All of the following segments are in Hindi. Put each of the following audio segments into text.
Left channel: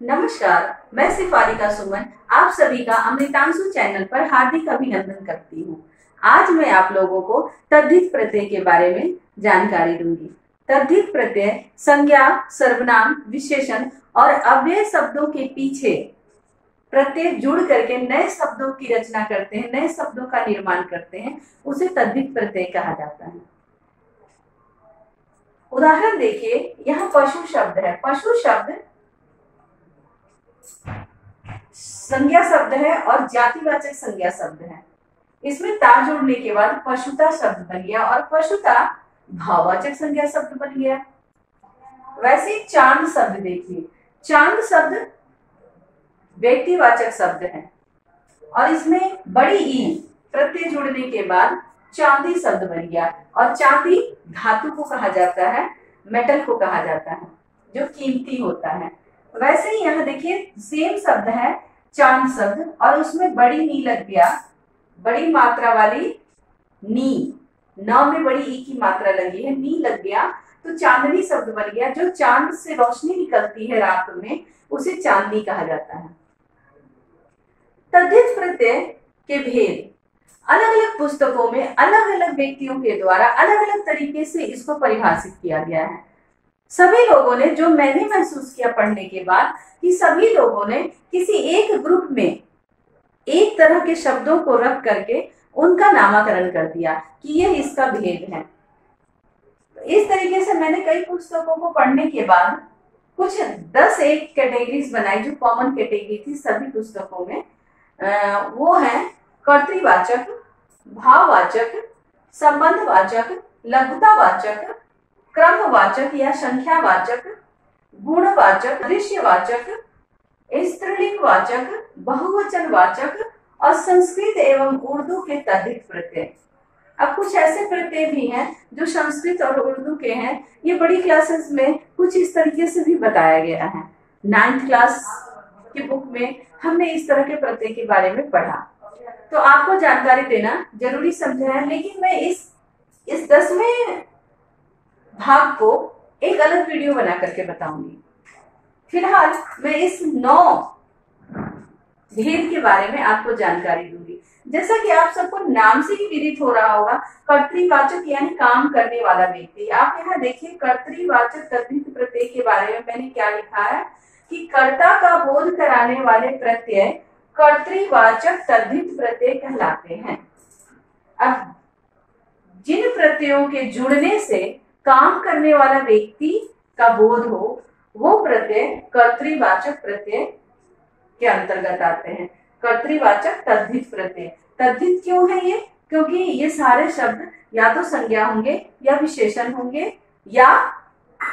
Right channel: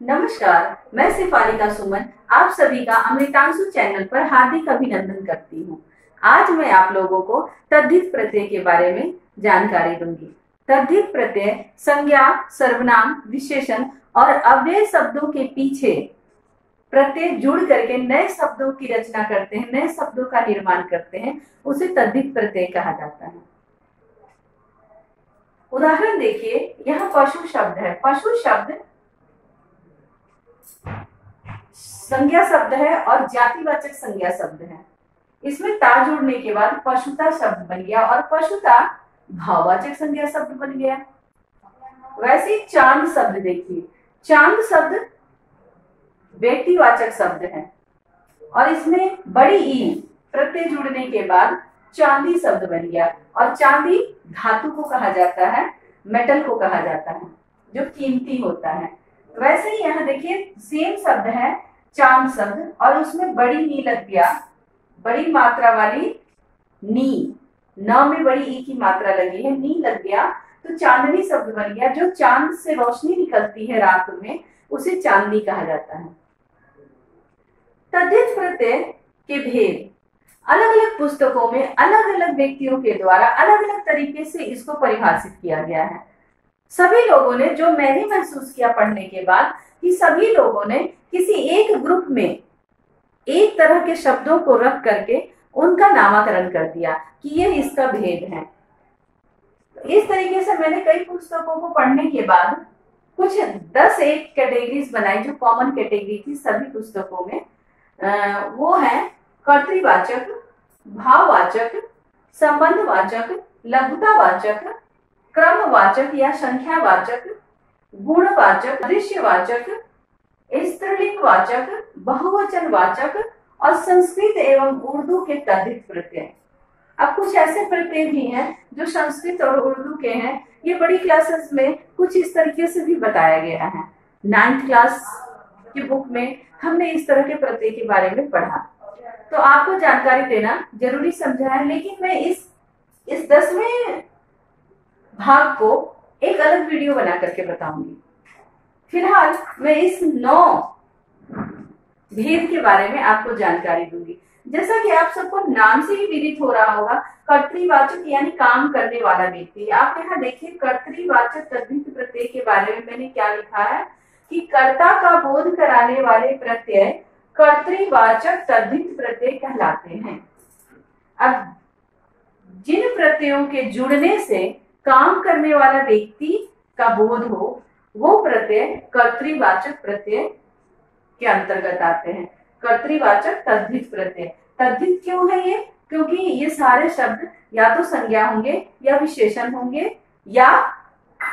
नमस्कार, मैं सिफारिका सुमन आप सभी का अमृतांशु चैनल पर हार्दिक अभिनंदन करती हूँ। आज मैं आप लोगों को तद्धित प्रत्यय के बारे में जानकारी दूंगी। तद्धित प्रत्यय संज्ञा, सर्वनाम, विशेषण और अव्यय शब्दों के पीछे प्रत्यय जुड़ करके नए शब्दों की रचना करते हैं, नए शब्दों का निर्माण करते हैं, उसे तद्धित प्रत्यय कहा जाता है। उदाहरण देखिए, यहाँ पशु शब्द है। पशु शब्द संज्ञा शब्द है और जातिवाचक संज्ञा शब्द है। इसमें ता जुड़ने के बाद पशुता शब्द बन गया और पशुता भाववाचक संज्ञा शब्द बन गया। वैसे ही चांद शब्द देखिए, चांद शब्द व्यक्तिवाचक शब्द है और इसमें बड़ी ई प्रत्यय जुड़ने के बाद चांदी शब्द बन गया और चांदी धातु को कहा जाता है, मेटल को कहा जाता है जो कीमती होता है। वैसे ही यहाँ देखिए सेम शब्द है चांद शब्द और उसमें बड़ी नी लग गया, बड़ी मात्रा वाली नी, न में बड़ी ई की मात्रा लगी है, नी लग गया तो चांदनी शब्द बन गया। जो चांद से रोशनी निकलती है रात में उसे चांदनी कहा जाता है। तद्धित प्रत्यय के भेद अलग अलग पुस्तकों में अलग अलग व्यक्तियों के द्वारा अलग अलग तरीके से इसको परिभाषित किया गया है। सभी लोगों ने, जो मैं भी महसूस किया पढ़ने के बाद, कि सभी लोगों ने किसी एक ग्रुप में एक तरह के शब्दों को रख करके उनका नामकरण कर दिया कि यह इसका भेद है। इस तरीके से मैंने कई पुस्तकों को पढ़ने के बाद कुछ 10 एक कैटेगरीज बनाई जो कॉमन कैटेगरी थी सभी पुस्तकों में। वो है कर्तृवाचक, भाववाचक, संबंधवाचक, लघुतावाचक, क्रमवाचक या संख्यावाचक, गुणवाचक, दृश्यवाचक, स्त्रीलिंगवाचक, बहुवचनवाचक और संस्कृत एवं उर्दू के तद्धित प्रत्यय। अब कुछ ऐसे प्रत्यय भी हैं जो संस्कृत और उर्दू के हैं। ये बड़ी क्लासेस में कुछ इस तरीके से भी बताया गया है। 9th क्लास की बुक में हमने इस तरह के प्रत्यय के बारे में पढ़ा, तो आपको जानकारी देना जरूरी समझा है। लेकिन मैं इस 10वें भाग को एक अलग वीडियो बना करके बताऊंगी। फिलहाल मैं इस 9 भेद के बारे में आपको जानकारी दूंगी। जैसा कि आप सबको नाम से ही विदित हो रहा होगा, कर्तृवाचक यानी काम करने वाला व्यक्ति। आप यहाँ देखिए कर्तृवाचक तद्धित प्रत्यय के बारे में मैंने क्या लिखा है कि कर्ता का बोध कराने वाले प्रत्यय कर्तृवाचक तद्धित प्रत्यय कहलाते हैं। अब जिन प्रत्ययों के जुड़ने से काम करने वाला व्यक्ति का बोध हो वो प्रत्यय कर्तृवाचक प्रत्यय के अंतर्गत आते हैं। कर्तृवाचक तद्धित प्रत्यय। तद्धित क्यों है ये? क्योंकि ये सारे शब्द या तो संज्ञा होंगे या विशेषण होंगे या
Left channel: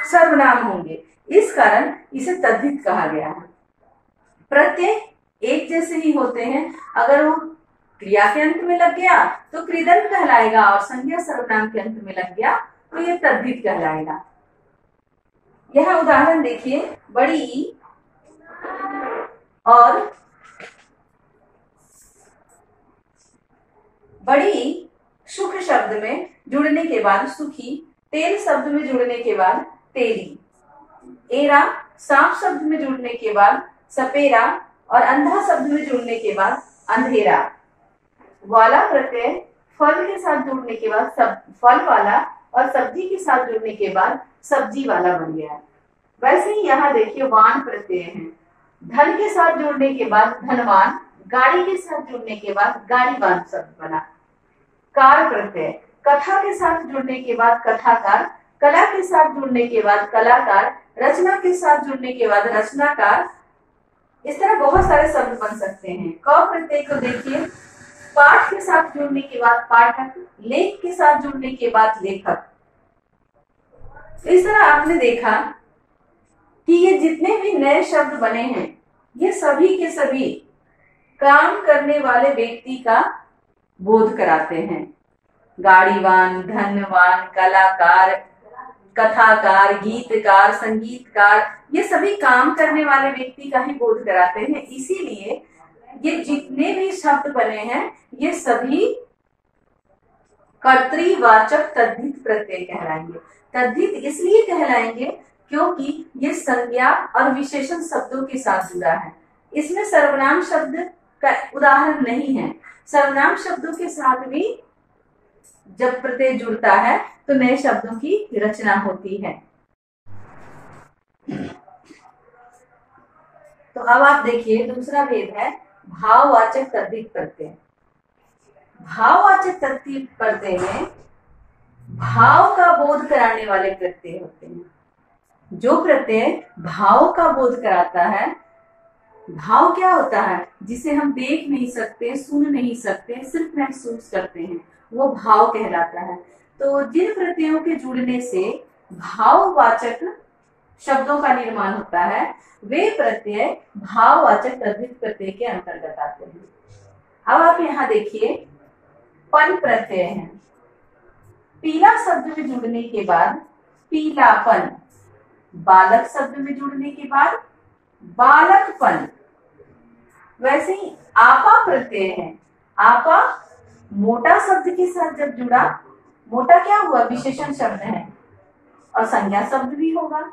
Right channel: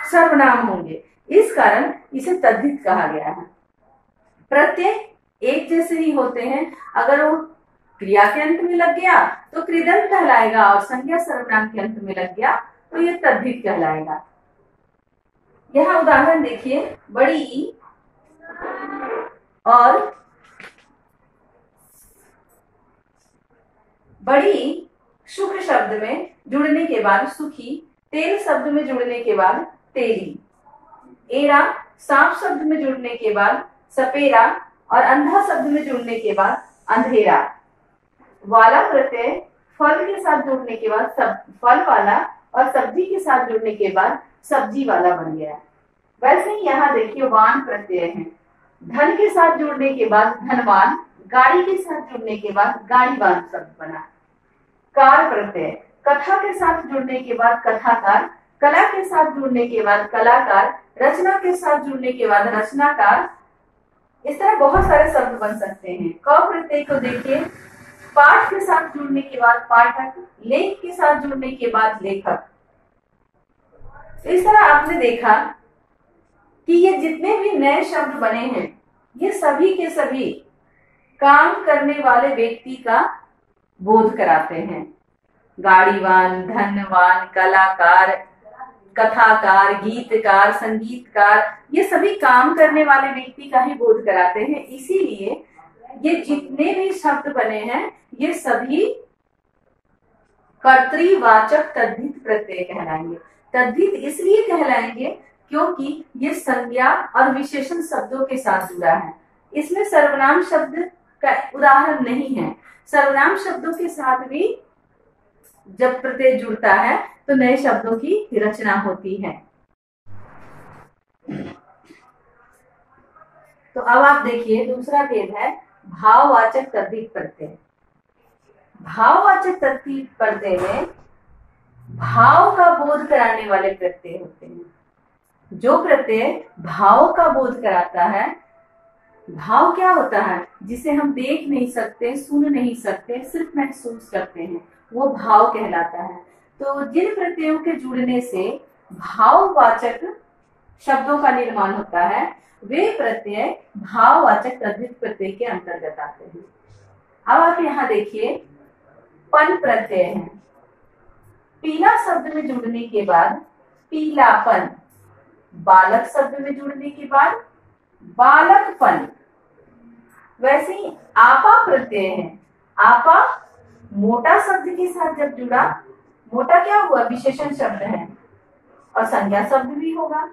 सर्वनाम होंगे, इस कारण इसे तद्धित कहा गया है। प्रत्यय एक जैसे ही होते हैं। अगर वो क्रिया के अंत में लग गया तो कृदंत कहलाएगा और संज्ञा सर्वनाम के अंत में लग गया तो ये तद्धित कहलाएगा। यह उदाहरण देखिए, बड़ी ई और बड़ी सुख शब्द में जुड़ने के बाद सुखी, तेल शब्द में जुड़ने के बाद तेली, एरा सांप शब्द में जुड़ने के बाद सपेरा और अंधा शब्द में जुड़ने के बाद अंधेरा। वाला प्रत्यय फल के साथ जुड़ने के बाद फल वाला और सब्जी के साथ जुड़ने के बाद सब्जी वाला बन गया। वैसे ही यहाँ देखिए वान प्रत्यय है। धन के साथ जुड़ने के बाद धनवान, गाड़ी के साथ जुड़ने के बाद गाड़ीवान शब्द बना। कार प्रत्यय कथा के साथ जुड़ने के बाद कथाकार, कला के साथ जुड़ने के बाद कलाकार, रचना के साथ जुड़ने के बाद रचनाकार। इस तरह बहुत सारे शब्द बन सकते हैं। क प्रत्यय को देखिए, पाठ के साथ जुड़ने के बाद पाठक, लेख के साथ जुड़ने के बाद लेखक। इस तरह आपने देखा कि ये जितने भी नए शब्द बने हैं ये सभी के सभी काम करने वाले व्यक्ति का बोध कराते हैं। गाड़ीवान, धनवान, कलाकार, कथाकार, गीतकार, संगीतकार, ये सभी काम करने वाले व्यक्ति का ही बोध कराते हैं। इसीलिए ये जितने भी शब्द बने हैं ये सभी कर्तृवाचक तद्धित प्रत्यय कहलाएंगे। तद्धित इसलिए कहलाएंगे क्योंकि ये संज्ञा और विशेषण शब्दों के साथ जुड़ा है। इसमें सर्वनाम शब्द का उदाहरण नहीं है। सर्वनाम शब्दों के साथ भी जब प्रत्यय जुड़ता है तो नए शब्दों की रचना होती है। तो अब आप देखिए दूसरा भेद है भाववाचक तद्धित प्रत्यय। भाववाचक तद्धित प्रत्यय में भाव का बोध कराने वाले प्रत्यय होते हैं। जो प्रत्यय भाव का बोध कराता है, भाव क्या होता है? जिसे हम देख नहीं सकते, सुन नहीं सकते, सिर्फ महसूस करते हैं, वो भाव कहलाता है। तो जिन प्रत्ययों के जुड़ने से भाववाचक शब्दों का निर्माण होता है, वे प्रत्यय भाववाचक तद्धित प्रत्यय के अंतर्गत आते हैं। अब आप यहाँ देखिए पन प्रत्यय है। पीला शब्द में जुड़ने के बाद पीलापन, बालक शब्द में जुड़ने के बाद बालकपन। वैसे ही आपा प्रत्यय है। आपा मोटा शब्द के साथ जब जुड़ा, मोटा क्या हुआ? विशेषण शब्द है और संज्ञा शब्द भी होगा।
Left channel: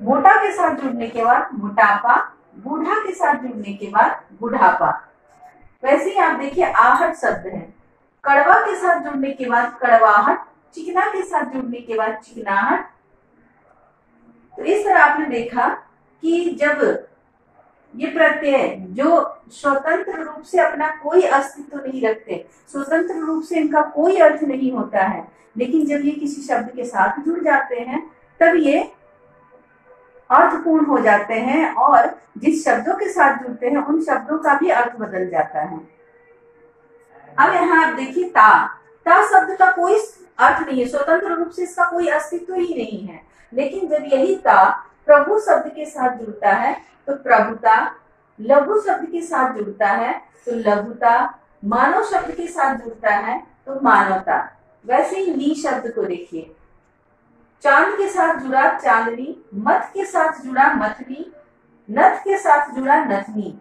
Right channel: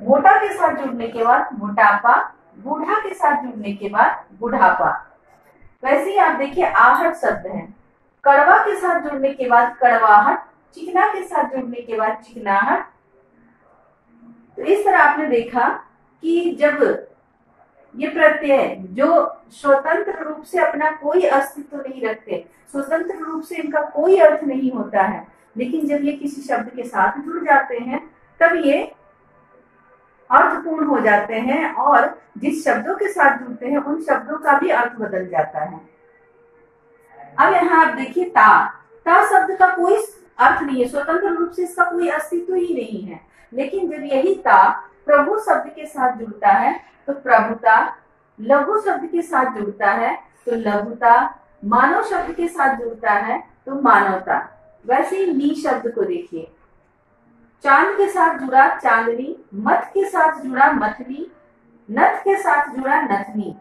मोटा के साथ जुड़ने के बाद मोटापा, बूढ़ा के साथ जुड़ने के बाद बुढ़ापा। वैसे ही आप देखिए आहट शब्द है। कड़वा के साथ जुड़ने के बाद कड़वाहट, चिकना के साथ जुड़ने के बाद चिकनाहट। तो इस तरह आपने देखा कि जब ये प्रत्यय जो स्वतंत्र रूप से अपना कोई अस्तित्व नहीं रखते, स्वतंत्र रूप से इनका कोई अर्थ नहीं होता है, लेकिन जब ये किसी शब्द के साथ जुड़ जाते हैं तब ये अर्थपूर्ण हो जाते हैं और जिस शब्दों के साथ जुड़ते हैं उन शब्दों का भी अर्थ बदल जाता है। अब यहाँ आप देखिए ता। ता शब्द का कोई अर्थ नहीं है, स्वतंत्र रूप से इसका कोई अस्तित्व ही नहीं है, लेकिन जब यही ता प्रभु शब्द के साथ जुड़ता है तो प्रभुता, लघु शब्द के साथ जुड़ता है तो लघुता, मानव शब्द के साथ जुड़ता है तो मानवता। वैसे ही नी शब्द को देखिए, चांद के साथ जुड़ा चांदनी, मत के साथ जुड़ा मथनी, नथ के साथ जुड़ा नथनी।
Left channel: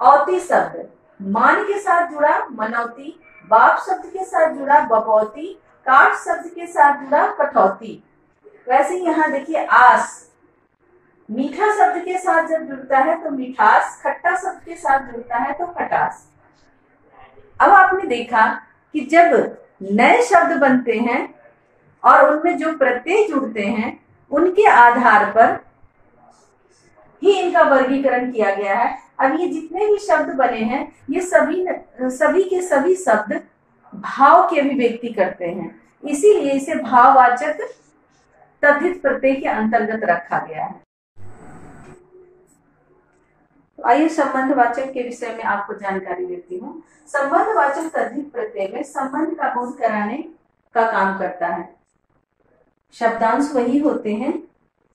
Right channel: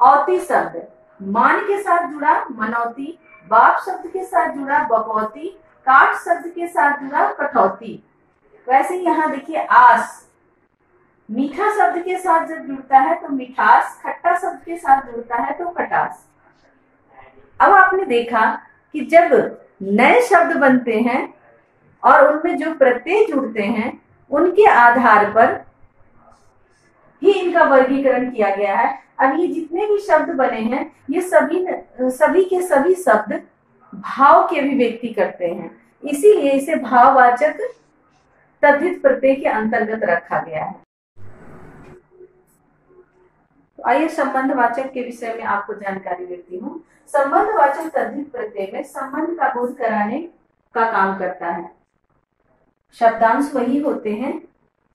औती शब्द, मान के साथ जुड़ा मनौती, बाप शब्द के साथ जुड़ा बपौती, काट शब्द के साथ जुड़ा कठौती। वैसे ही यहाँ देखिए आस, मीठा शब्द के साथ जब जुड़ता है तो मिठास, खट्टा शब्द के साथ जुड़ता है तो खटास। अब आपने देखा कि जब नए शब्द बनते हैं और उनमें जो प्रत्यय जुड़ते हैं उनके आधार पर ही इनका वर्गीकरण किया गया है। अब ये जितने भी शब्द बने हैं ये सभी के सभी शब्द भाव की अभिव्यक्ति करते हैं, इसीलिए इसे भाववाचक तद्धित प्रत्यय के अंतर्गत रखा गया है। तो आइए संबंधवाचक के विषय में आपको जानकारी देती हूँ। संबंधवाचक तद्धित प्रत्यय में संबंध का बोध कराने का काम करता है। शब्दांश वही होते हैं,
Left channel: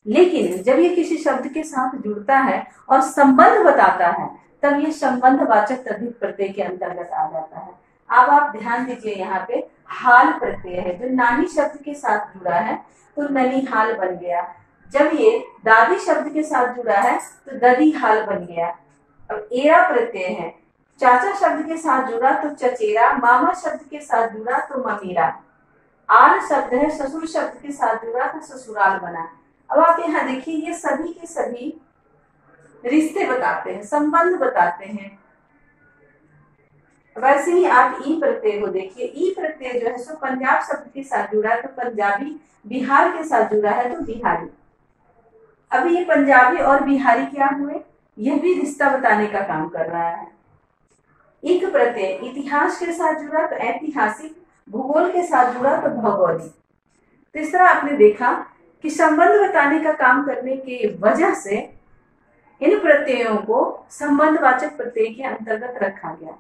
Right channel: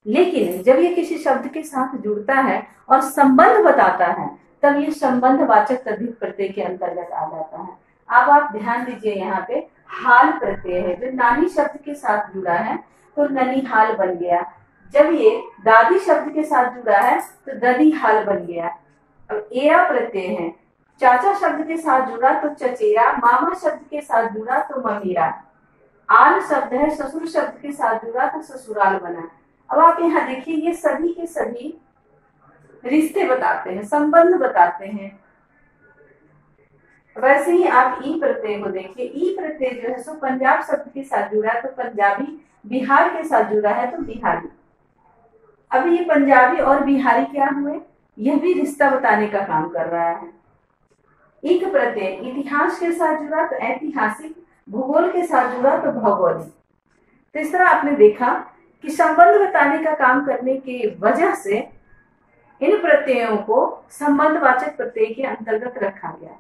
लेकिन जब ये किसी शब्द के साथ जुड़ता है और संबंध बताता है तब ये संबंधवाचक तद्धित प्रत्यय के अंतर्गत आ जाता है। अब आप ध्यान दीजिए, यहाँ पे हाल प्रत्यय है जो नानी शब्द के साथ जुड़ा है तो ननिहाल बन गया। जब ये दादी शब्द के साथ जुड़ा है तो ददी हाल बन गया। अब एरा प्रत्यय है, चाचा शब्द के साथ जुड़ा तो चचेरा, मामा शब्द के साथ जुड़ा तो ममेरा। आल शब्द है, ससुर शब्द के साथ जुड़ा तो ससुराल बना। अब आप यहाँ देखिए ये सभी के सभी रिश्ते बताते हैं, संबंध बताते हैं। वैसे ही आप ई प्रत्यय को देखिए, ई प्रत्यय जो है सो पंजाब शब्द के साथ जुड़ा है तो पंजाबी, बिहार के साथ जुड़ा है तो बिहारी। अब ये पंजाबी और बिहारी क्या हुए? यह भी रिश्ता बताने का काम कर रहा है। इक प्रत्यय इतिहास के साथ जुड़ा तो ऐतिहासिक, भूगोल के साथ जुड़ा तो भौगोलिक। तो इस तरह आपने देखा कि संबंध बताने का काम करने की वजह से इन प्रत्ययों को संबंधवाचक प्रत्यय के अंतर्गत रखा गया।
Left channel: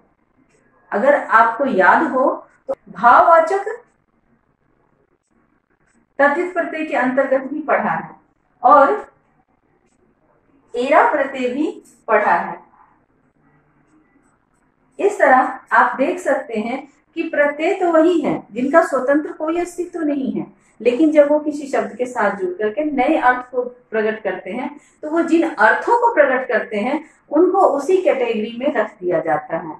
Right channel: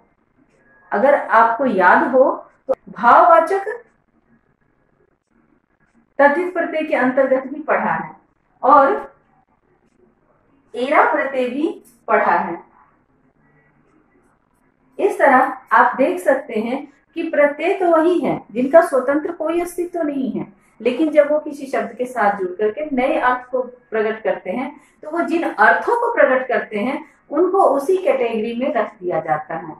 अगर आपको याद हो तो भाववाचक तद्धित प्रत्यय के अंतर्गत भी पढ़ा है और एरा प्रत्यय भी पढ़ा है। इस तरह आप देख सकते हैं कि प्रत्यय तो वही है जिनका स्वतंत्र कोई अस्तित्व नहीं है, लेकिन जब वो किसी शब्द के साथ जुड़ करके नए अर्थ को प्रकट करते हैं तो वो जिन अर्थों को प्रकट करते हैं उनको उसी कैटेगरी में रख दिया जाता है,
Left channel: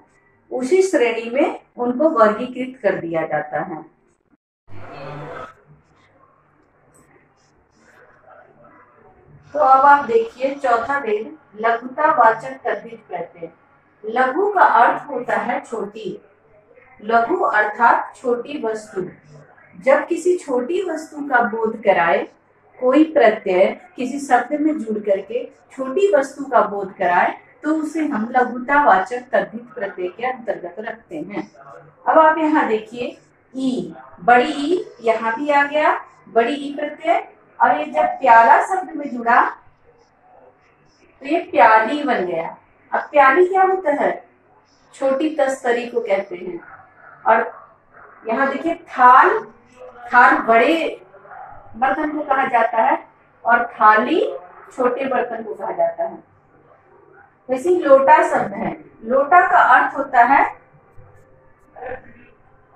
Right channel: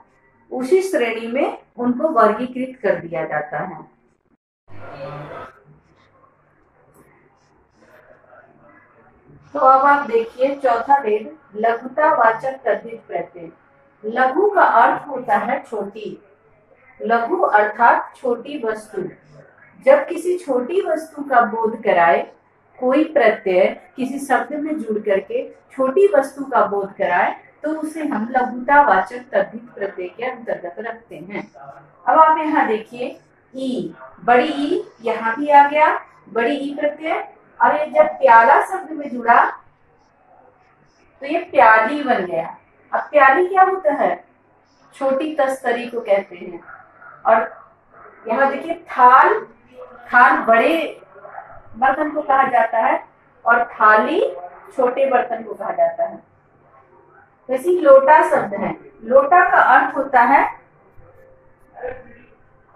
उसी श्रेणी में उनको वर्गीकृत कर दिया जाता है। तो अब आप देखिए चौथा भेद, लघुतावाचक तद्धित प्रत्यय। लघु का अर्थ होता है छोटी, लघु अर्थात छोटी वस्तु। जब किसी छोटी वस्तु का बोध कराए कोई प्रत्यय किसी शब्द में जुड़ करके छोटी वस्तु का बोध कराए तो उसे हम लघुतावाचक तद्धित प्रत्यय के अंतर्गत रखते हैं। अब आप यहाँ देखिए ई, बड़ी ई यहाँ भी आ गया, बड़ी ई प्रत्यय। और ये जब प्याला शब्द में जुड़ा तो ये प्याली बन गया। अब प्याली क्या होता है? छोटी तस्तरी को कहते हैं। और यहाँ देखिए थाल, थाल बड़े बर्तन को कहा जाता है और थाली छोटे बर्तन को कहा जाता है। वैसे ही लोटा शब्द है, लोटा का अर्थ होता है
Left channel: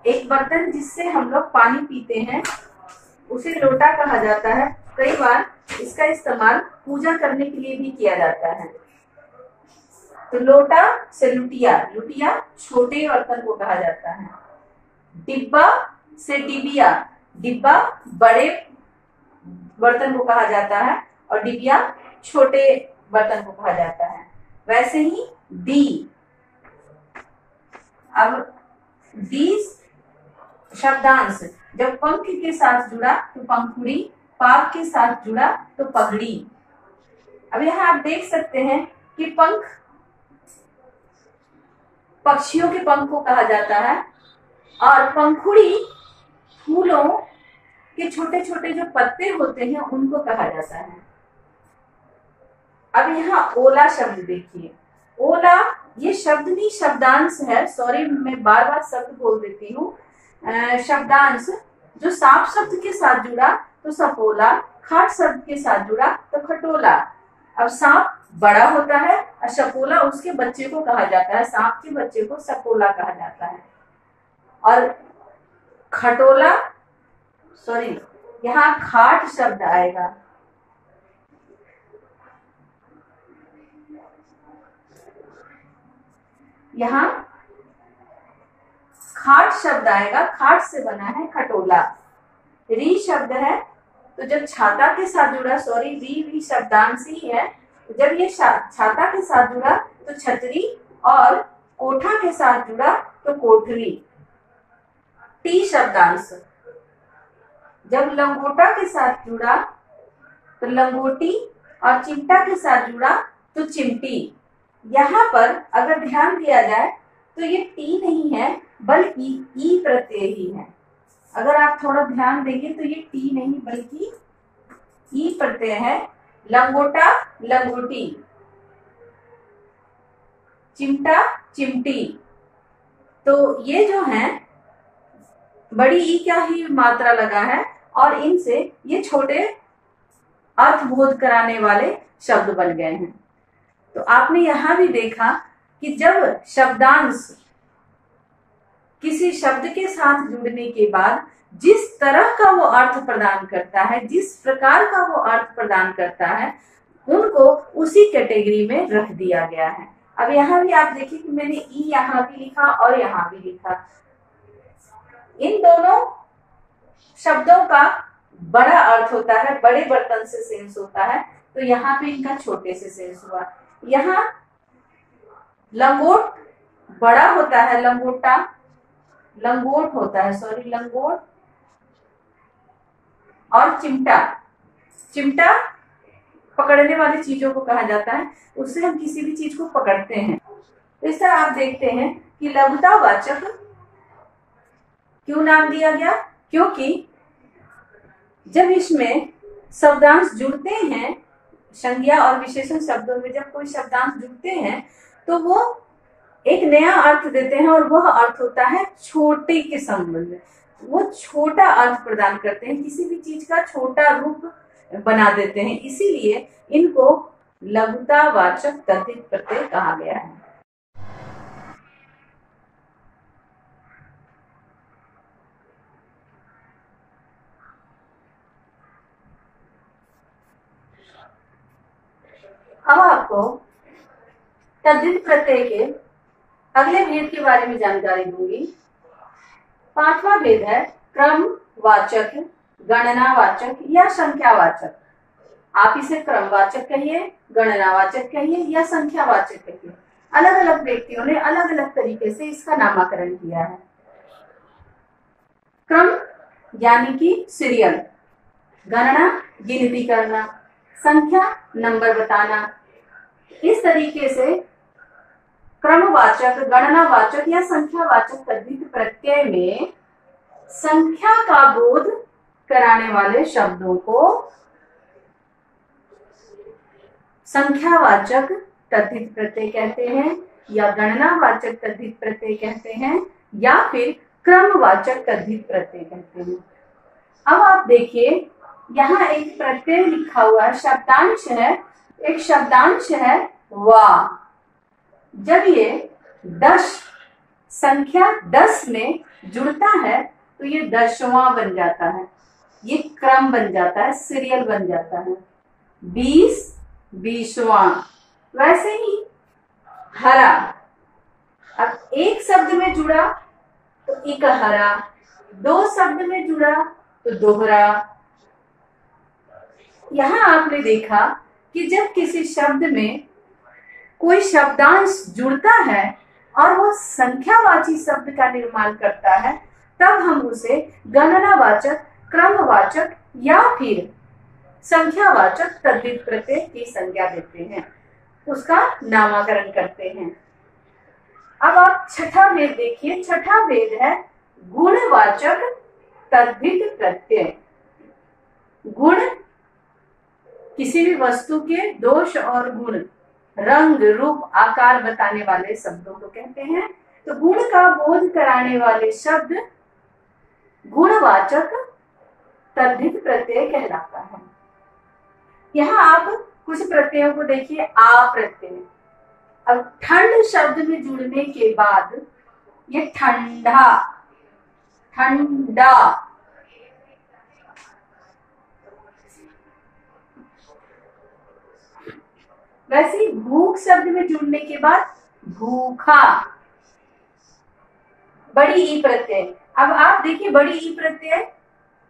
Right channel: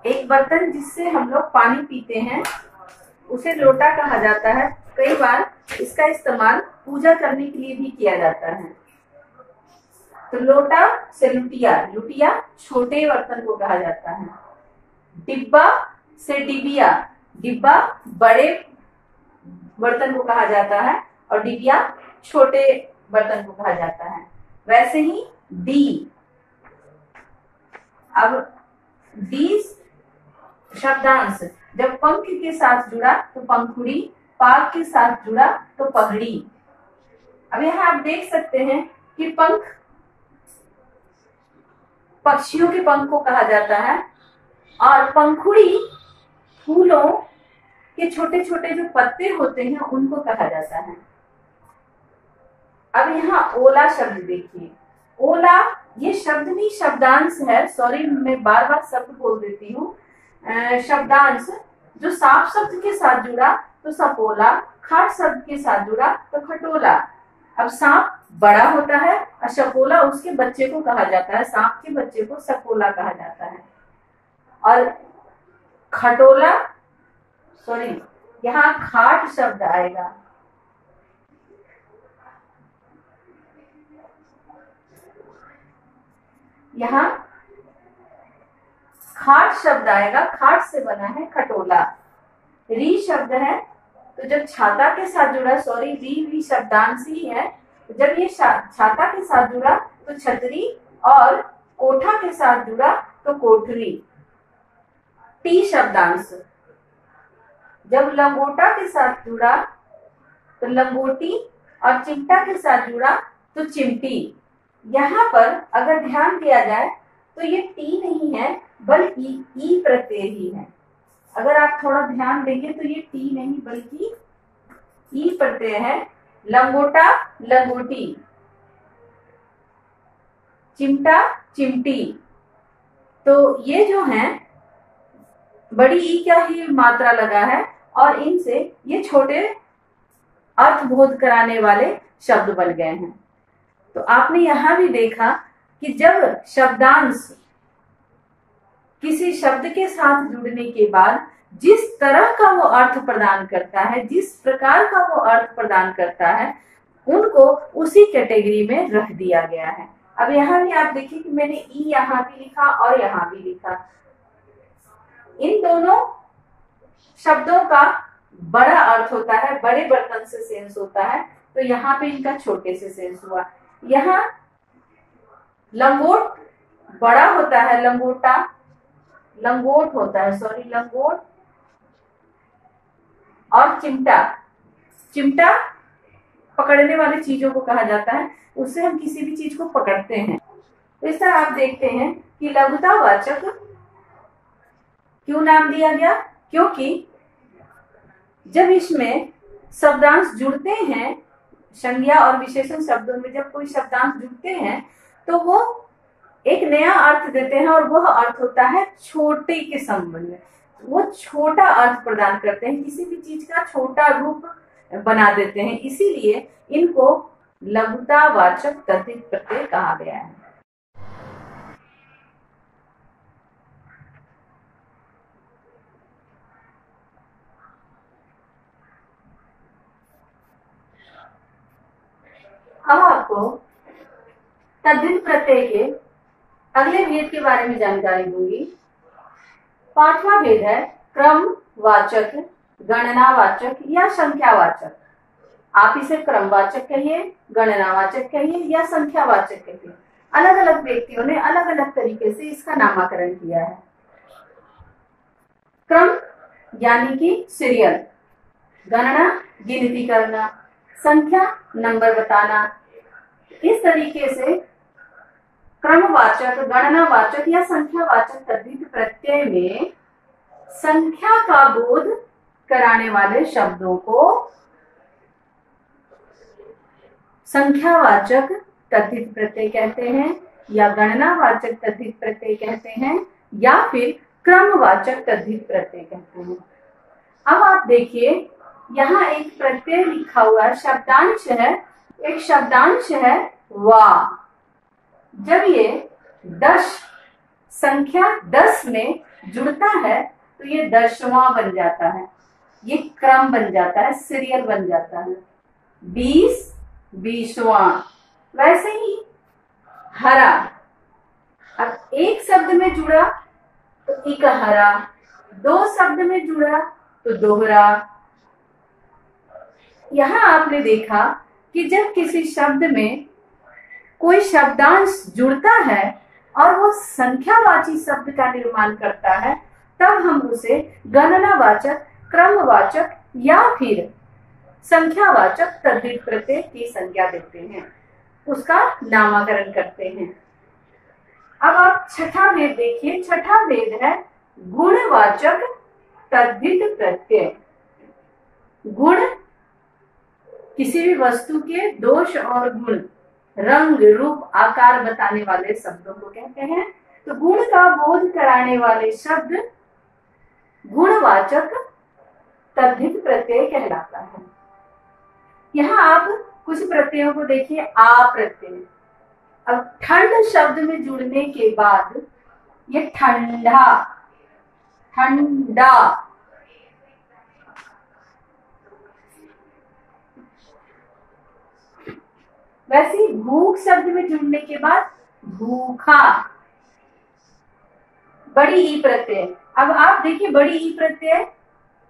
एक बर्तन जिससे हम लोग पानी पीते हैं, उसे लोटा कहा जाता है। कई बार इसका इस्तेमाल पूजा करने के लिए भी किया जाता है। तो लोटा से लुटिया, लुटिया छोटे बर्तन को कहा जाता है। डिब्बा से डिबिया, डिब्बा बड़े बर्तन को कहा जाता है और डिबिया छोटे बर्तन को कहा जाता है। वैसे ही दी, अब दी शब्दांश जब पंख के साथ जुड़ा तो पंखुड़ी, पाग के साथ जुड़ा तो पगड़ी। अब यहाँ आप देख सकते हैं कि पंख पक्षियों के पंख को कहा जाता है और पंखुड़ी फूलों के छोटे छोटे जो पत्ते होते हैं उनको कहा जाता है। अब यहाँ ओला शब्द देखिए, ओला ये शब्द नहीं शब्दांश है, सॉरी मैं बार बार शब्द बोल देती हूँ। शब्दांश जो सांप शब्द के साथ जुड़ा तो सपोला, खाट शब्द के साथ जुड़ा तो खटोला। अब सांप बड़ा होता है और सपोला उसके बच्चे को कहा जाता है, सांप के बच्चे को सपोला कहा जाता है। और खटोला, सॉरी यहाँ खाट शब्द आएगा, यहाँ खाट शब्द आएगा, खाट से बना है खटोला। री शब्द है तो जब छाता के साथ जुड़ा, सॉरी री शब्दांश ही है, जब ये छाता के साथ जुड़ा तो छतरी और कोठा के साथ जुड़ा तो कोठरी। टी शब्दांश जब लंगोटा के साथ जुड़ा तो लंगोटी और चिमटा के साथ जुड़ा तो चिमटी। यहाँ पर अगर ध्यान दिया जाए तो ये टी नहीं है बल्कि ई प्रत्यय ही है। अगर आप थोड़ा ध्यान देंगे तो ये टी नहीं बल्कि ई प्रत्यय है। लंगोटा लंगोटी, चिमटा चिमटी। तो ये जो है बड़ी ई का ही मात्रा लगा है और इनसे ये छोटे अर्थबोध कराने वाले शब्द बन गए हैं। तो आपने यहां भी देखा कि जब शब्दांश किसी शब्द के साथ जुड़ने के बाद जिस तरह का वो अर्थ प्रदान करता है, जिस प्रकार का वो अर्थ प्रदान करता है, उनको उसी कैटेगरी में रख दिया गया है। अब यहाँ भी आप देखिए कि मैंने ई यहाँ भी लिखा और यहाँ भी लिखा। इन दोनों शब्दों का बड़ा अर्थ होता है, बड़े बर्तन से सेंस होता है, तो यहाँ पे इनका छोटे से सेंस हुआ। यहाँ लंगोट बड़ा होता है, लंगोटा लंगोट होता है, सॉरी लंगोट। और चिमटा, चिमटा पकड़ने वाली चीजों को कहा जाता है, उससे हम किसी भी चीज को पकड़ते हैं। तो इस तरह आप देखते हैं कि लघुतावाचक क्यों नाम दिया गया, क्योंकि जब इसमें शब्दांश जुड़ते हैं, संज्ञा और विशेषण शब्दों में जब कोई शब्दांश जुड़ते हैं तो वो एक नया अर्थ देते हैं और वह अर्थ होता है छोटे के संबंध में। वो छोटा अर्थ प्रदान करते हैं, किसी भी चीज का छोटा रूप बना देते हैं, इसीलिए इनको लघुतावाचक तद्धित प्रत्यय कहा गया है। अब आपको तद्धित प्रत्यय के अगले भेद के बारे में जानकारी दूंगी। पांचवा भेद है क्रमवाचक, गणनावाचक या संख्यावाचक। आप इसे क्रमवाचक कहिए, गणनावाचक कहिए या संख्यावाचक कहिए, अलग अलग व्यक्तियों ने अलग अलग तरीके से इसका नामकरण किया है। क्रम यानी कि सीरियल, गणना गिनती करना, संख्या नंबर बताना। इस तरीके से क्रमवाचक, गणनावाचक या संख्यावाचक तद्धित प्रत्यय में संख्या का बोध कराने वाले शब्दों को संख्यावाचक तद्धित प्रत्यय कहते हैं, या गणनावाचक तद्धित प्रत्यय कहते हैं, या फिर क्रमवाचक तद्धित प्रत्यय कहते हैं। अब आप देखिए, यहाँ एक प्रत्यय लिखा हुआ है, शब्दांश है, एक शब्दांश है वा। जब ये 10 संख्या 10 में जुड़ता है तो ये 10वां बन जाता है, ये क्रम बन जाता है, सीरियल बन जाता है। 20 20वां। वैसे ही हरा, अब एक शब्द में जुड़ा तो इकहरा, 2 शब्द में जुड़ा तो दोहरा। यहां आपने देखा कि जब किसी शब्द में कोई शब्दांश जुड़ता है और वो संख्यावाची शब्द का निर्माण करता है, तब हम उसे गणनावाचक, क्रमवाचक या फिर संख्यावाचक तद्धित प्रत्यय की संज्ञा देते हैं, उसका नामकरण करते हैं। अब आप छठा भेद देखिए। छठा भेद है गुणवाचक तद्धित प्रत्यय। गुण किसी भी वस्तु के दोष और गुण, रंग, रूप, आकार बताने वाले शब्दों को कहते हैं। तो गुण का बोध कराने वाले शब्द गुणवाचक तद्धित प्रत्यय कहलाता है। यहाँ आप कुछ प्रत्ययों को देखिए। आ प्रत्यय, अब ठंड शब्द में जुड़ने के बाद ये ठंडा, ठंडा। वैसे ही भूख शब्द में जुड़ने के बाद भूखा। बड़ी ई प्रत्यय, अब आप देखिए बड़ी ई प्रत्यय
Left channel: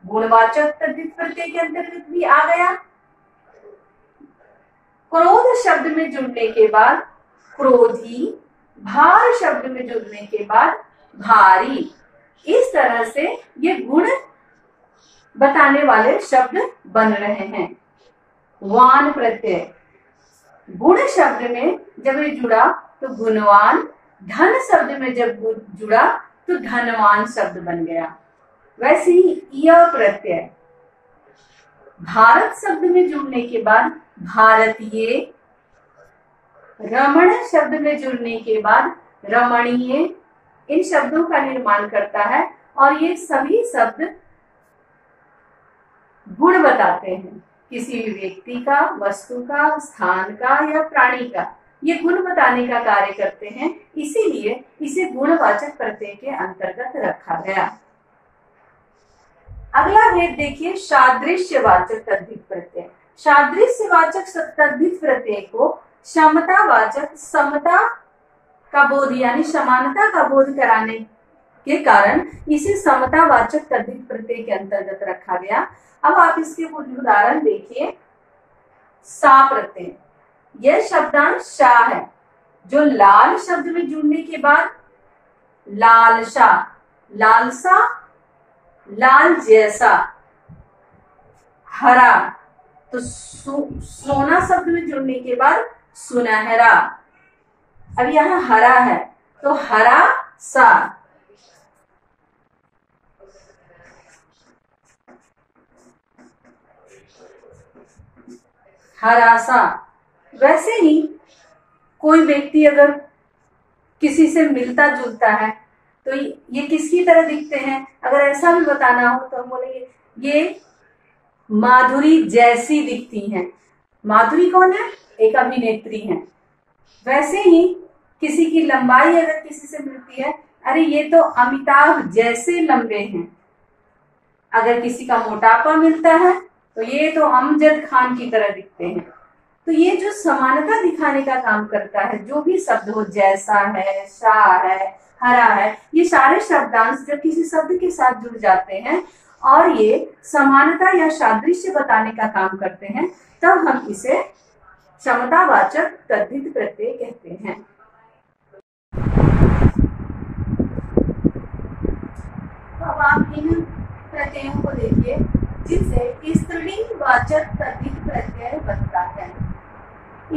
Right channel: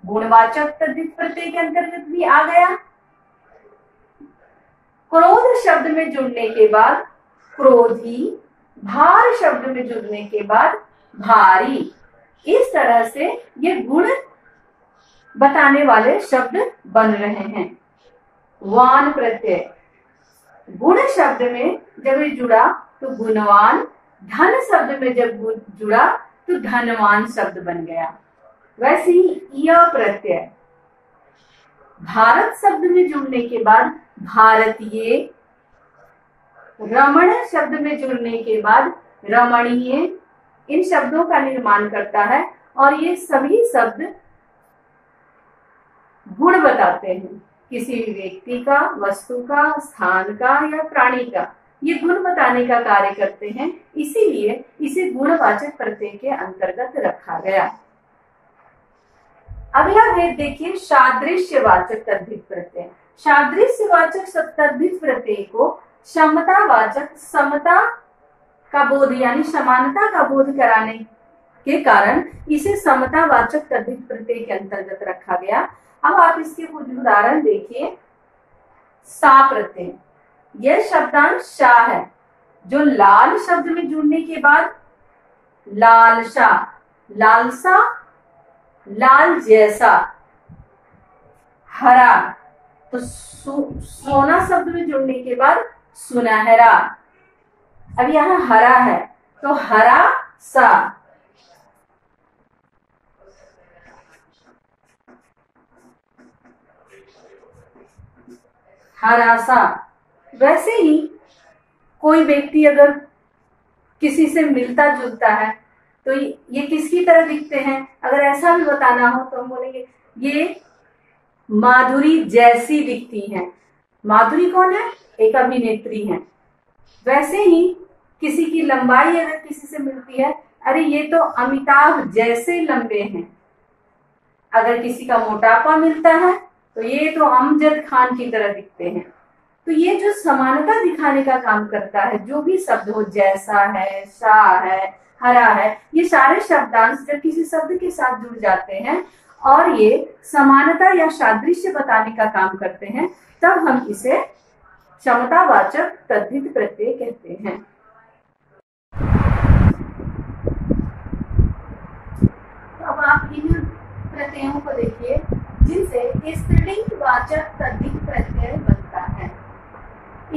गुणवाचक तद्धित प्रत्यय के अंतर्गत भी आ गया। क्रोध शब्द में जुड़ने के बाद क्रोधी, भार शब्द में जुड़ने के बाद भारी। इस तरह से ये गुण बताने वाले शब्द बन रहे हैं। वान प्रत्यय, गुण शब्द में जब ये जुड़ा तो गुणवान, धन शब्द में जब जुड़ा तो धनवान शब्द बन गया। वैसे ही य प्रत्यय, भारत शब्द में जुड़ने के बाद भारतीय, रमण शब्द में जुड़ने के बाद रमणीय, इन शब्दों का निर्माण करता है। और ये सभी शब्द गुण बताते हैं, किसी भी व्यक्ति का, वस्तु का, स्थान का या प्राणी का, ये गुण बताने का कार्य करते हैं। इसीलिए इसे गुणवाचक प्रत्यय के अंतर्गत रखा गया। अगला भेद देखिए, सादृश्यवाचक तद्धित प्रत्यय। सादृश्यवाचक तद्धित प्रत्यय को समतावाचक, समता का बोध यानी समानता का बोध कराने के कारण इसे समतावाचक तद्धित प्रत्यय के अंतर्गत रखा गया। अब आप इसके कुछ उदाहरण देखिए। सा प्रत्यय, यह शब्दांश सा है, जो लाल शब्द में जुड़ने के बाद लालसा, लालसा, लाल जैसा। हरा, तो सोना शब्द में जुड़ने के बाद सुनहरा। अब यहाँ हरा है तो हरा सा। हरा सा। वैसे ही कोई व्यक्ति अगर किसी से मिलता जुलता है तो ये किसकी तरह दिखते हैं, अगर ऐसा भी बताना हो तो हम बोलेंगे ये माधुरी जैसी दिखती हैं। माधुरी कौन है? एक अभिनेत्री हैं। वैसे ही किसी की लंबाई अगर किसी से मिलती है, अरे ये तो अमिताभ जैसे लंबे हैं। अगर किसी का मोटापा मिलता है तो ये तो अमजद खान की तरह दिखते हैं। तो ये जो समानता दिखाने का काम करता है, जो भी शब्द हो, जैसा है, सा है, हरा है, ये सारे शब्दांश जब किसी शब्द के साथ जुड़ जाते हैं और ये समानता या सादृश्य बताने का काम करते हैं, तब हम इसे समतावाचक तद्धित प्रत्यय कहते हैं। तो अब आप इन प्रत्ययों को देखिए जिनसे स्त्रीलिंग वाचक तद्धित प्रत्यय बनता है।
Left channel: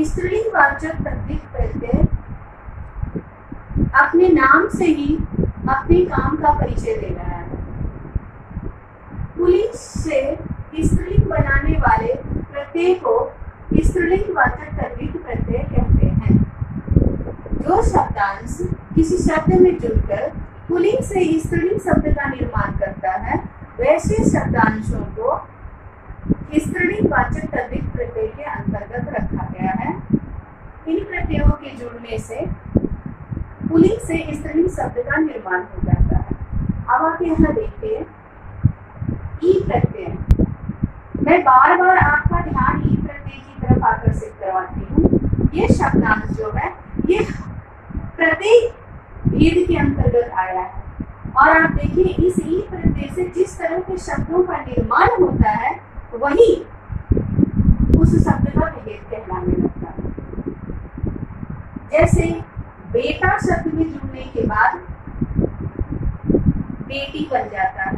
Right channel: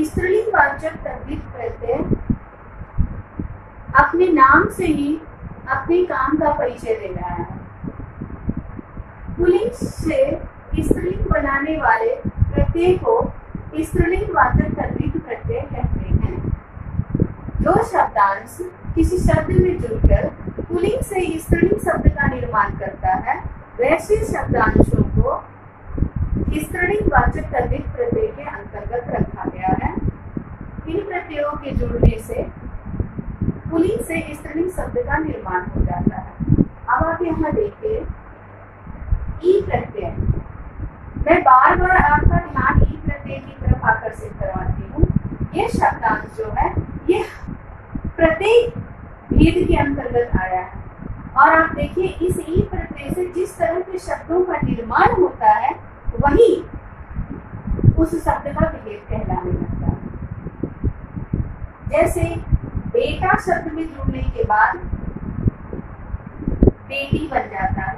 स्त्रीलिंग वाचक तद्धित प्रत्यय अपने नाम से ही अपने काम का परिचय दे रहा है। पुल्लिंग से स्त्रीलिंग बनाने वाले प्रत्यय को स्त्रीलिंग वाचक तद्धित प्रत्यय कहते हैं। जो शब्दांश किसी शब्द में जुड़कर पुल्लिंग से स्त्रीलिंग शब्द का निर्माण करता है, वैसे शब्दांशों को स्त्रीलिंग वाचक तद्धित प्रत्यय के अंतर्गत रखा गया है। इन प्रत्ययों के जुड़ने से पुल्लिंग से स्त्रीलिंग शब्द का निर्माण हो जाता है। अब आप यहाँ देखिए ई प्रत्यय। मैं बार बार आपका ध्यान ई प्रत्यय की तरफ आकर्षित करवाती हूँ। ये शब्दांश जो है ये प्रत्यय भेद के अंतर्गत आया है, और आप देखिए इस ई प्रत्यय से जिस तरह के शब्दों का निर्माण होता है वही उस शब्द का भेद कहलाने लगता है। जैसे बेटा शब्द में जुड़ने के बाद बेटी बन जाता है,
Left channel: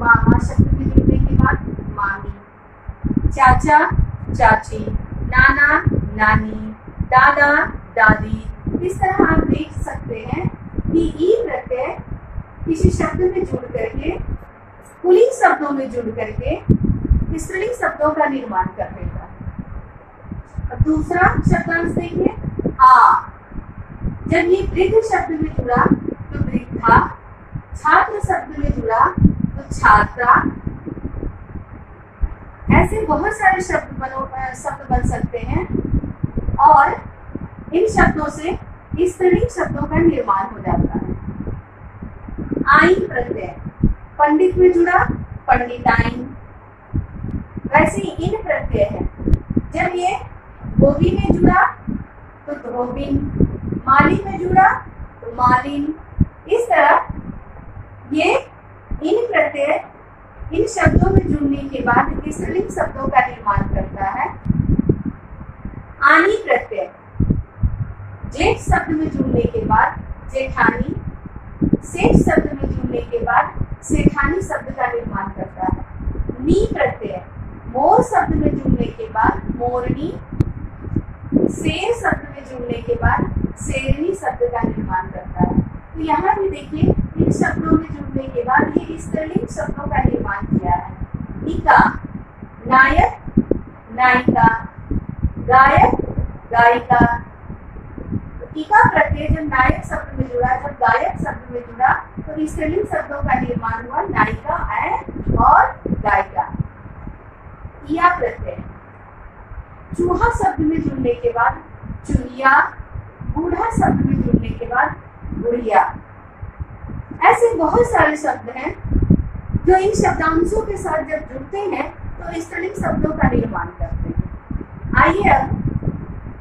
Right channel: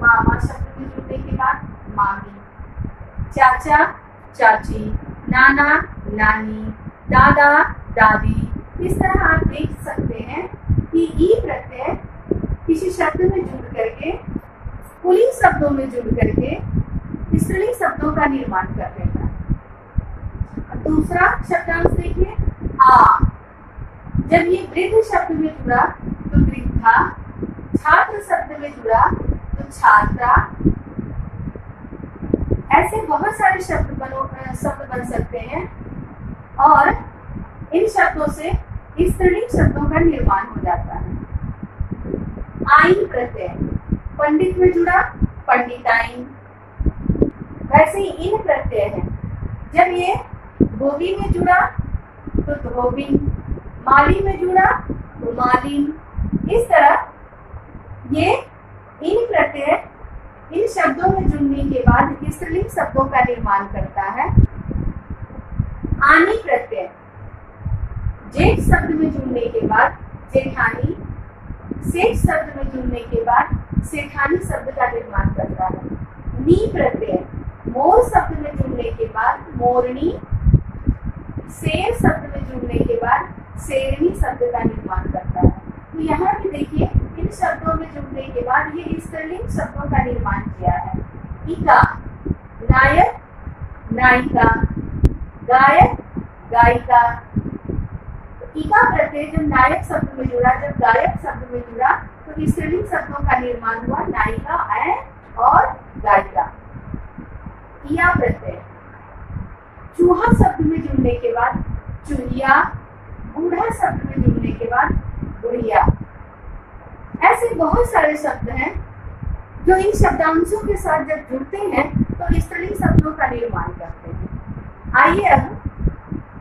मामा शब्द में जुड़ने के बाद मामी, चाचा चाची, नाना नानी, दादा दादी। इस तरह आप देख सकते हैं कि ई प्रत्यय किसी शब्द में जुड़ करके पुल्लिंग शब्दों में जुड़ करके स्त्रीलिंग शब्दों का निर्माण कर देता है। और दूसरा शब्दांश देखिए आ। जब ये वृद्ध शब्द में जुड़ा तो वृद्धा, छात्र शब्द में जुड़ा तो छात्रा। ऐसे बहुत सारे शब्द बन सकते हैं, और इन शब्दों से स्त्रीलिंग शब्दों का निर्माण हो जाता है। आइन प्रत्यय पंडित में जुड़ा पंडिताइन। वैसे ही इन प्रत्यय है, जब ये धोबी में जुड़ा तो धोबिन, माली में जुड़ा तो मालिन। इस तरह ये इन प्रत्यय इन शब्दों में जुड़ने के बाद स्त्रीलिंग शब्दों का निर्माण करता है। आनी प्रत्यय जेठ शब्द में जुड़ने के बाद जेठानी, सेठ शब्द में जुड़ने के बाद सेठानी शब्द का निर्माण करता है। नी प्रत्यय मोर शब्द में जुड़ने के बाद मोरनी, शेर शब्द में जुड़ने के बाद शेरनी शब्द का निर्माण करता है। तो यहाँ भी देखिए इन शब्दों में जुड़ने के बाद ये स्त्रीलिंग शब्दों का निर्माण किया है। इका नायक नायिका, गायक गायिका। इका प्रत्यय जब नायक शब्द में जुड़ा, जब गायक शब्द में जुड़ा तो स्त्रीलिंग शब्दों का निर्माण हुआ नायिका और गायिका। इया प्रत्यय चूहा शब्द में जुड़ने के बाद चूहिया, बूढ़ा शब्द में जुड़ने के बाद बुढ़िया। ऐसे बहुत सारे शब्द हैं जो इन शब्दांशों के साथ जब जुड़ते हैं तो स्त्रीलिंग शब्दों का निर्माण करते हैं। आइए अब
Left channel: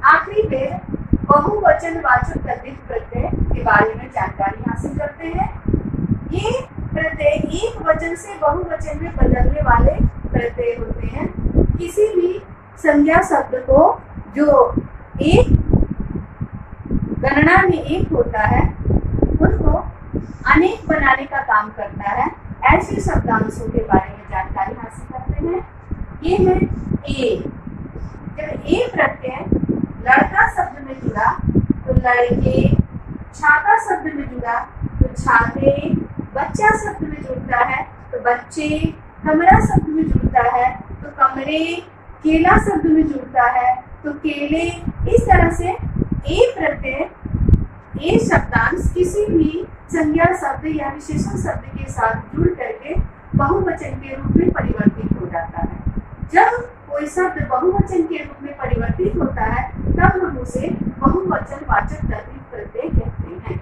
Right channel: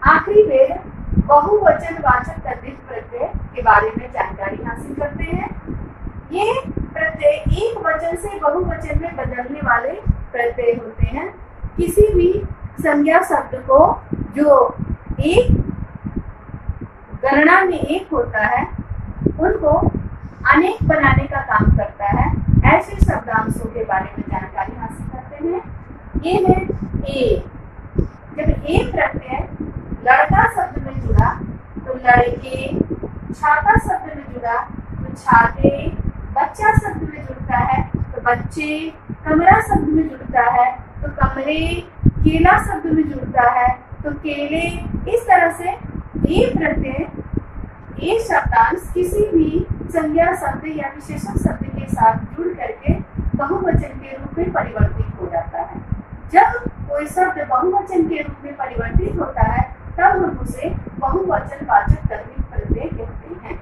आखिरी में बहुवचन वाचक तद्धित प्रत्यय के बारे में जानकारी हासिल करते हैं। ये प्रत्यय एक वचन से बहुवचन में बदलने वाले प्रत्यय होते हैं। किसी भी संज्ञा शब्द को जो एक गणना में एक होता है उनको अनेक बनाने का काम करता है। ऐसे शब्दांशों के बारे में जानकारी हासिल करते हैं। ये है ए। जब ए प्रत्यय लड़का शब्द में जुड़ा तो लड़के, छाता शब्द में जुड़ा तो छाते, बच्चा शब्द में जुड़ता है तो बच्चे, कमरा शब्द में जुड़ता है तो कमरे, केला शब्द में जुड़ता है तो केले। इस तरह से ए प्रत्यय ए शब्दांश किसी भी संज्ञा शब्द या विशेषण शब्द के साथ जुड़ करके बहुवचन के रूप में परिवर्तित हो जाता है। जब कोई शब्द बहुवचन के रूप में परिवर्तित होता है तब हम उसे बहुवचन वाचक तद्धित प्रत्यय कहते हैं।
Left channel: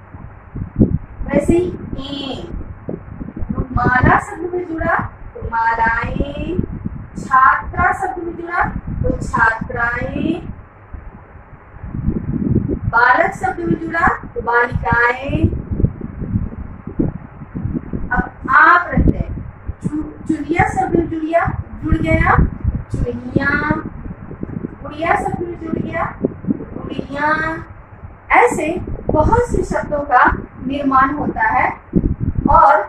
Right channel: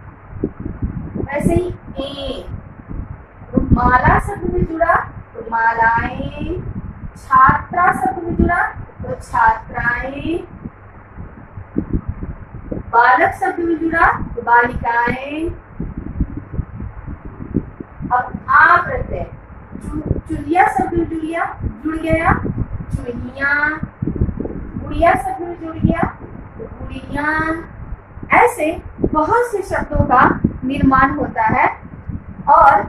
वैसे ही ए माला शब्द में जुड़ा तो मालाएं, छात्रा शब्द में जुड़ा तो छात्राएं, बालक शब्द में जुड़ा तो बालिकाएं। अब आ प्रत्यय चुलिया शब्द जुड़िया, जुड़ गया चुइया। गुड़िया शब्द जुड़ गया गुड़िया। ऐसे बहुत से शब्दों का निर्माण होता है और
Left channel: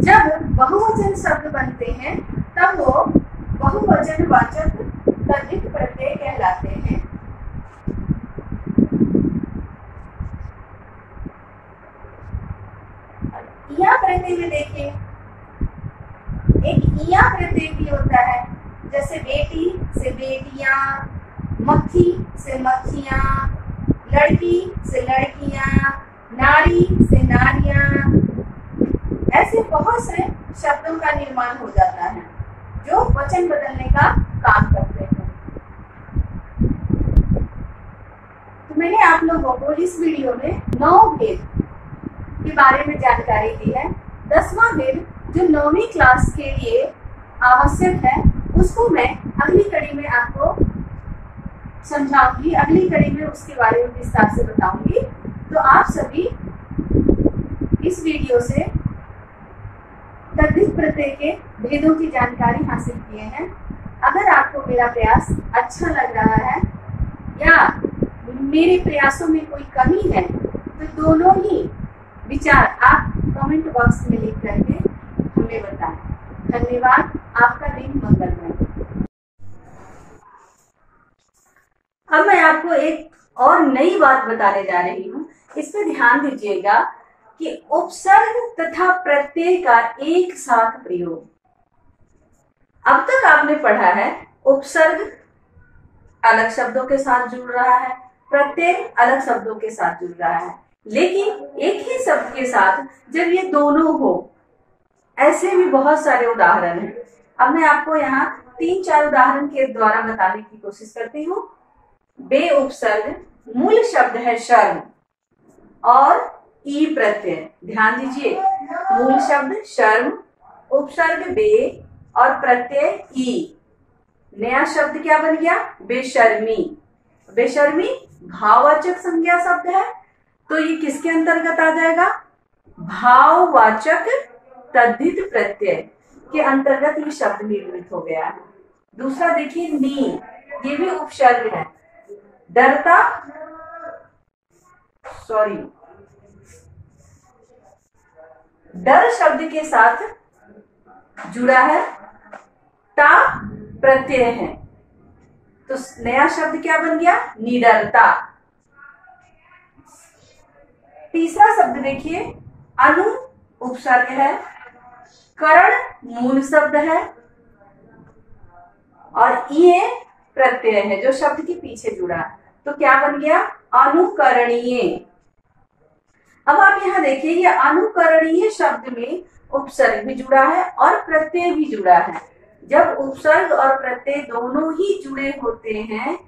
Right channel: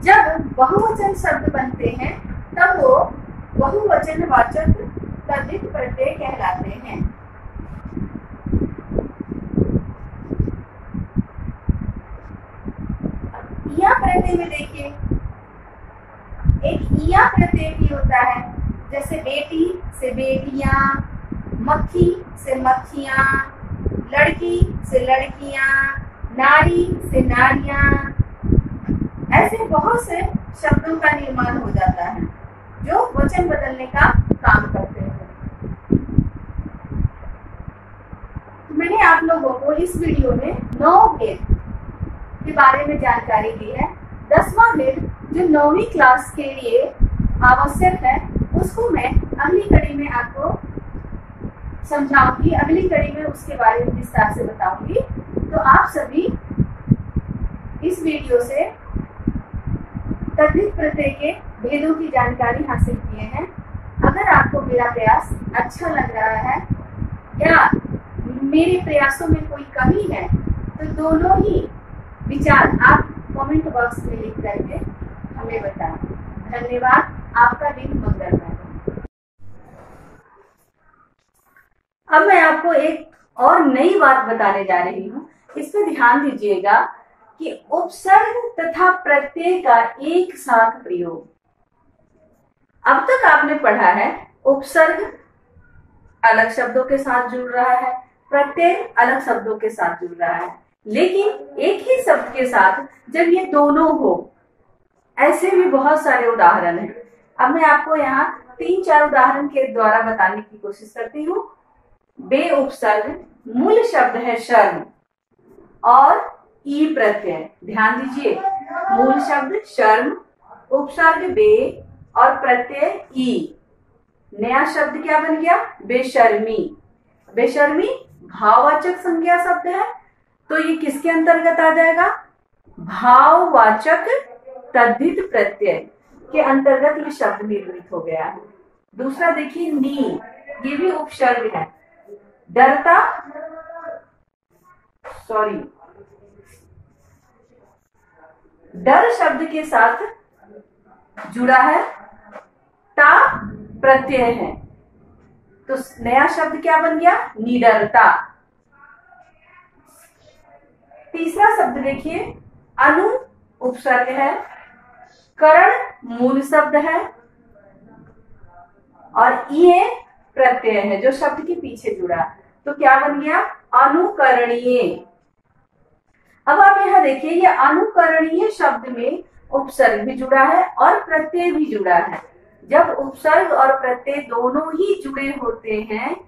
जब बहुवचन शब्द बनते हैं तब वो बहुवचनवाचक तद्धित प्रत्यय कहलाते हैं। इया प्रत्यय में देखिए, एक इया प्रत्यय भी होता है, जैसे बेटी से बेटियां, मक्खी से मक्खियां, लड़की से लड़कियां, नारी से नारियां। ऐसे बहुत से शब्दों का निर्माण हो जाता है जो वचन बदलने का काम करते हैं। तो मैंने आप लोगों को इस वीडियो में 9 भेद के बारे में जानकारी दी है। 10वां भेद जो 9वीं क्लास के लिए आवश्यक है उसको मैं अगली कड़ी में आपको समझाऊंगी, अगली कड़ी में उसके बारे में विस्तार से बताऊंगी। तो आप सभी इस वीडियो से तद्धित प्रत्यय के भेदों की जानकारी हासिल किए हैं। अगर आपको मेरा प्रयास अच्छा लग रहा है या मेरे प्रयासों में कोई कमी है तो दोनों ही विचार आप कमेंट बॉक्स में लिख करके हमें बताएं। धन्यवाद। आपका दिन मंगलमय। अब मैं आपको एक और नई बात बताने जा रही हूँ। इस पर ध्यान दीजिएगा कि उपसर्ग तथा प्रत्यय का एक साथ प्रयोग। अब तक आपने पढ़ा है उपसर्ग अलग शब्दों के साथ जुड़ रहा है, प्रत्यय अलग शब्दों के साथ जुड़ रहा है, लेकिन एक ही शब्द के साथ जब ये दोनों हो, ऐसे भी बहुत सारे उदाहरण हैं। अब मैं आपको यहाँ 3-4 उदाहरण के द्वारा बताने की कोशिश करती हूँ। बे उपसर्ग, मूल शब्द है शर्म और ई प्रत्यय। ध्यान दीजिए, मूल शब्द शर्म, उपसर्ग बे और प्रत्यय ई। नया शब्द क्या बन गया? बेशर्मी। बेशर्मी भाववाचक संज्ञा शब्द है, तो ये किसके अंतर्गत आ जाएगा? भाववाचक तद्धित प्रत्यय के अंतर्गत ये शब्द निर्मित हो गया है। दूसरा देखिए नी, ये भी उपसर्ग है। डरता, डर शब्द के साथ जुड़ा है, ता प्रत्यय है, तो नया शब्द क्या बन गया? निडरता। तीसरा शब्द देखिए, अनु उपसर्ग है, करण मूल शब्द है और ये प्रत्यय है जो शब्द के पीछे जुड़ा, तो क्या बन गया? अनुकरणीय। अब आप यहाँ देखिए, ये अनुकरणीय शब्द में उपसर्ग भी जुड़ा है और प्रत्यय भी जुड़ा है। जब उपसर्ग और प्रत्यय दोनों ही जुड़े होते हैं,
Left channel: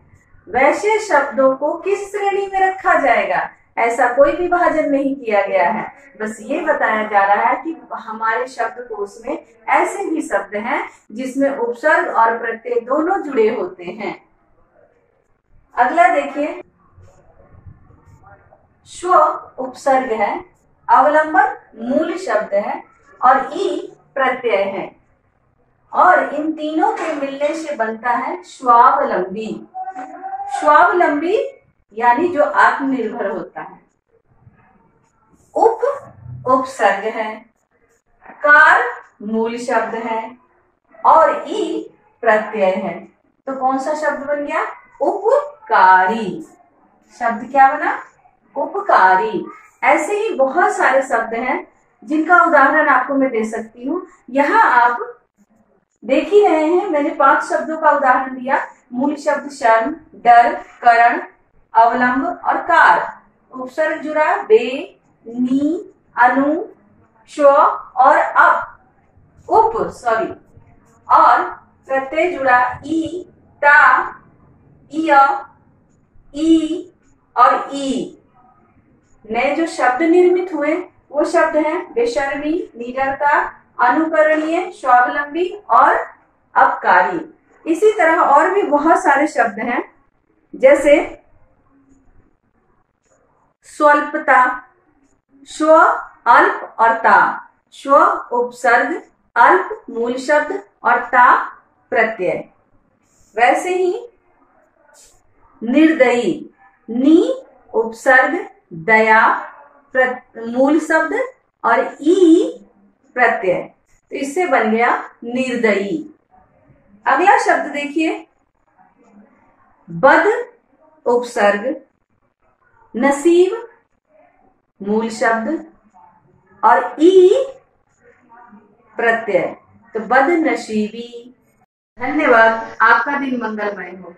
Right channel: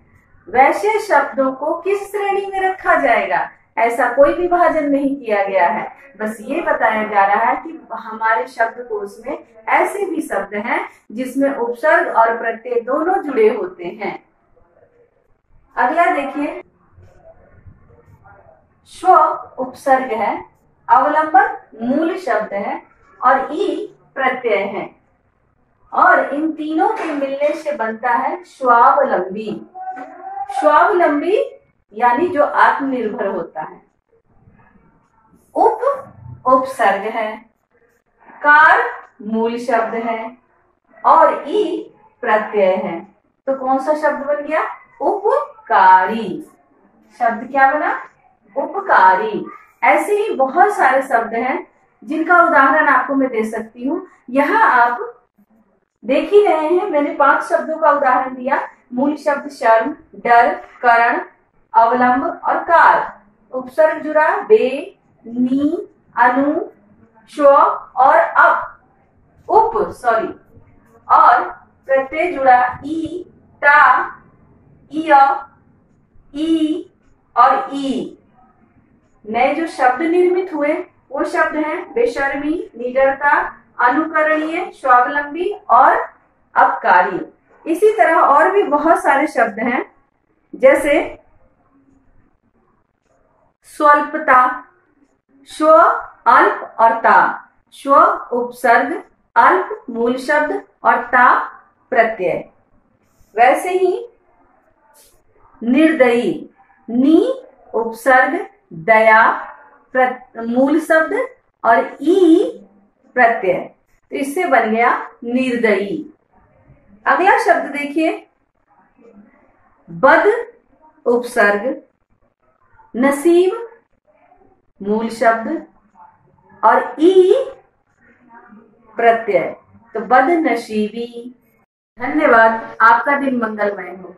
वैसे शब्दों को किस श्रेणी में रखा जाएगा? ऐसा कोई विभाजन नहीं किया गया है, बस ये बताया जा रहा है कि हमारे शब्दकोश में ऐसे भी शब्द हैं जिसमें उपसर्ग और प्रत्यय दोनों जुड़े होते हैं। अगला देखिए, स्व उपसर्ग है, अवलंबन मूल शब्द है और ई प्रत्यय है, और इन तीनों के मिलने से बनता है स्वावलंबी। स्वावलंबी यानी जो आत्मनिर्भर होता है। उप उपसर्ग है, कार मूल शब्द है और ई प्रत्यय है, तो कौन सा शब्द बन गया? उपकारी। शब्द क्या बना? उपकारी। ऐसे ही बहुत सारे शब्द हैं जिनका उदाहरण आपको मैं दे सकती हूँ। यहाँ आप देख ही रहे हैं, मैंने 5 शब्दों का उदाहरण दिया। मूल शब्द शर्म, डर, करण, अवलंब और कार। उपसर्ग जुड़ा बे, नी, अनु, स्व और और प्रत्यय जुड़ा ई, ता, इय, ई और ई। नए जो शब्द निर्मित हुए वो शब्द हैं बेशर्मी, निडरता, अनुकरणीय, स्वावलंबी और अपकारी। इसी तरह और भी बहुत सारे शब्द हैं, जैसे स्वल्पता, स्व, अल्प और ता। स्व उपसर्ग, अल्प मूल शब्द और ता प्रत्यय। वैसे ही निर्दयी, नी उपसर्ग, दया मूल शब्द और ई प्रत्यय, तो इससे बन गया निर्दयी। अगला शब्द देखिए, बद उपसर्ग, नसीब मूल शब्द और ई प्रत्यय, तो बदनसीबी। धन्यवाद। आपका दिन मंगलमय हो।